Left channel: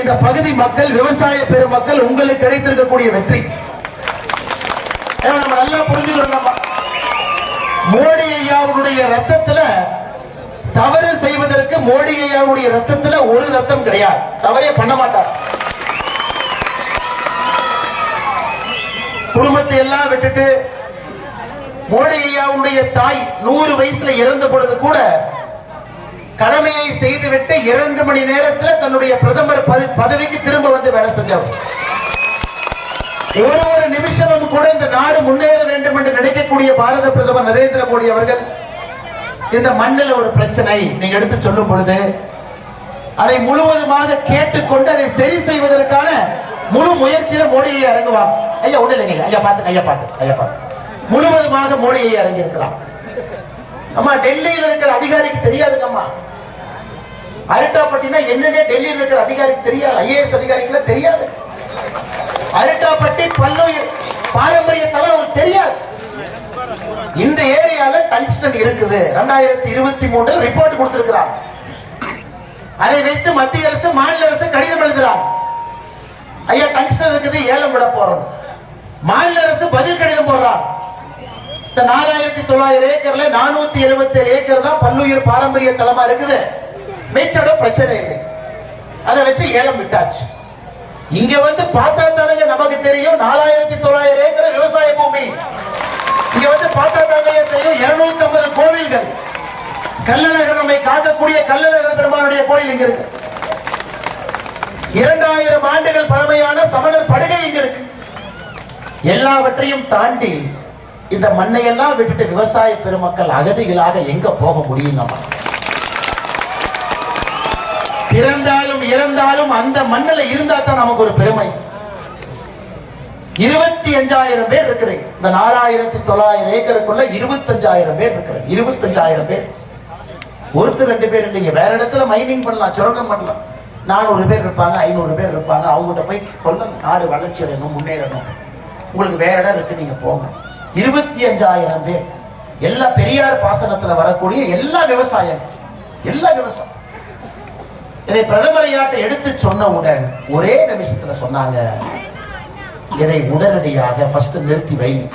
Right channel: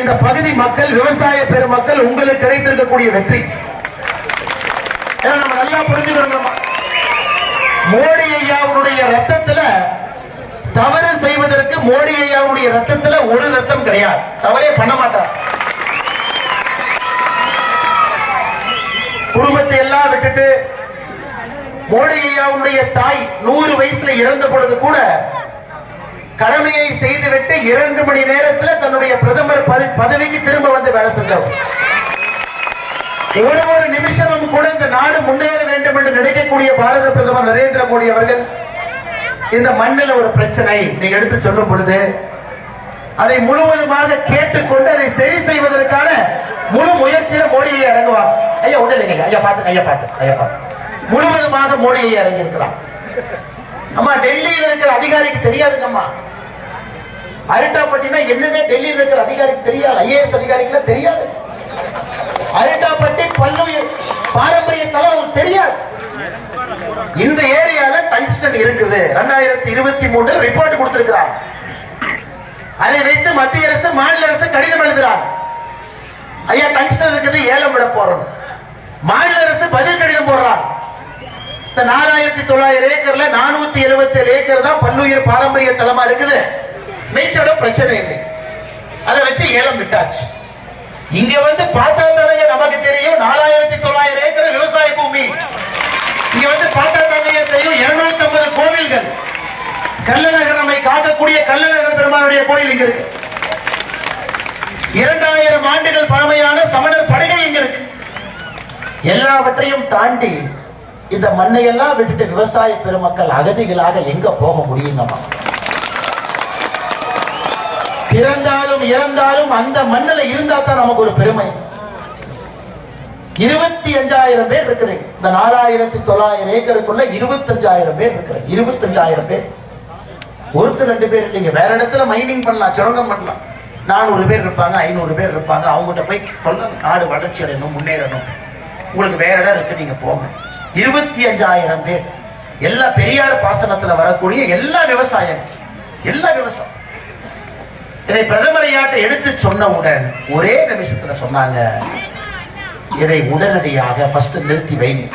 இந்த பகுதி மக்கள், விவசாய பெருமக்கள் உங்களுக்கு கிடைத்திருக்கக்கூடிய வெற்றி நம்ம நல்லா புரிஞ்சுக்கணும். மோடி ஐயாவுடைய ரத்தத்துல தவறு செய்வதற்கு மோடி ஐயாவுடைய ரத்தத்துல ஒரு ரத்தம் கிடையாது. தவறே பண்ண மாட்டார். குடும்பத்தை எல்லாம் விட்டுட்டு மோடி ஐயாவுடைய தாய் 100 வயசுல இறந்த பொழுது கூட கடமையை செய்துவிட்டு 2 மணி நேரத்தில் தன்னுடைய பிரதமர் பதவிக்கு திரும்ப வந்து வேலை செஞ்சவர். ஒரு நிமிஷமும் கூட இந்த நாடு முன்னேற வேண்டும் என்று நினைக்கக்கூடிய பாரத பிரதமர் நரேந்திர மோடி அவர்கள் இந்த மண்ணில் ஒரு பிரச்சனை நீங்க எடுத்து சொல்லும் பொழுது அதை முழுவதுமாக கேட்டுக்கொண்டு அதை சரி செய்வதற்கான முழு முயற்சியில மோடியை இறங்குவாங்க. ஐயா ஒண்ணு இல்லைங்க, ஐயா பார்த்து முழுவதுமாக மோடியை இறங்கி இருக்கிறார். அம்மா டெல்லியில் இருக்கிற அதிகாரிக்கு தெரியாதுங்கம்மா. அரிட்டாப்பட்டினா என்னன்னே டெல்லியில் இருக்கிற அதிகாரிக்கு தெரியாது. ஐஏஎஸ் அதிகாரிக்கு தெரியாது. அரிட்டாப்பட்டி பல்லுயிர் பாரம்பரிய தளம் தெரியாது. இந்த ஏரியால டங்ஸ்டன் இருக்குது. 2023 ரிப்போர்ட் கொடுத்திருக்கிறார். அதை வைத்து மத்திய அரசு மாநில அரசு கடிதம் எழுதுறார். ஐயா டங்ஸ்டன் இருக்குது, ஏலம் விட போறோம். மாநில அரசு பதில் கடிதம் போடுறார். 4900 ஏக்கர்ல 477 ஏக்கர் தான் பல்லுயிர் பாரம்பரிய தலமா இருக்குது. மிச்சோட பிரச்சனை இல்லை. அதை வச்சு ஏலம் விட்டாச்சு. இங்க வந்து பார்த்தா தானங்க நமக்கு தெரியும் 4900 ஏக்கர் விவசாய பூமி. இங்க வந்து பார்த்தா தானங்க தெரியும் 250 கோவில்கள். கள்ளழகர் நம்மை காக்கக்கூடிய கள்ளழகர் பெருமானுடைய கோயில் இங்க இருக்கு. 2000 ஆண்டுகள் பழமையான சமணர் படுகை இங்க இருக்கு. எல்லாவற்றையும் தாண்டி இந்த மண்ணையெல்லாம் விட்டுட்டு விவசாய பெருமக்கள் அகதிகளாக எங்க போக முடியுங்கம்மா? பிறந்தாலும் இறந்தாலும் அந்த மண்ணில் இருந்தா தான் நமக்கு ஒரு பெருமை. 25,000 பேர் இருக்கிறீங்க. இந்த 4900 ஏக்கருக்குள்ள 25,000 பேர் இருக்கிறேன். 25,000 பேர். ஒருத்தர் 2 பேர் இல்லைங்க. வேற இடத்துல மைனிங் பண்ணலாம், சுரங்கம் பண்ணலாம். 400 பேர் இருப்பாங்க, 500 பேர் இருப்பாங்க. அவங்ககிட்ட போய் சொல்லணும், நாடு வளர்ச்சி அடையணும், முன்னேறணும், உங்களுக்கு வேற இடம் இருக்கு, நீங்க போங்க. 25,000 பேர். எல்லா பெரியார் பாசனத்தில் வரக்கூடிய எல்லா விவசாயம். இதை பிரதமர் ஐயாட்ட எடுத்து சொன்னவுடன் ஒரே நிமிஷத்துல சொன்னாங்க, இதை உடனடியாக ஃபர்ஸ்ட் நிறுத்தி வைங்க.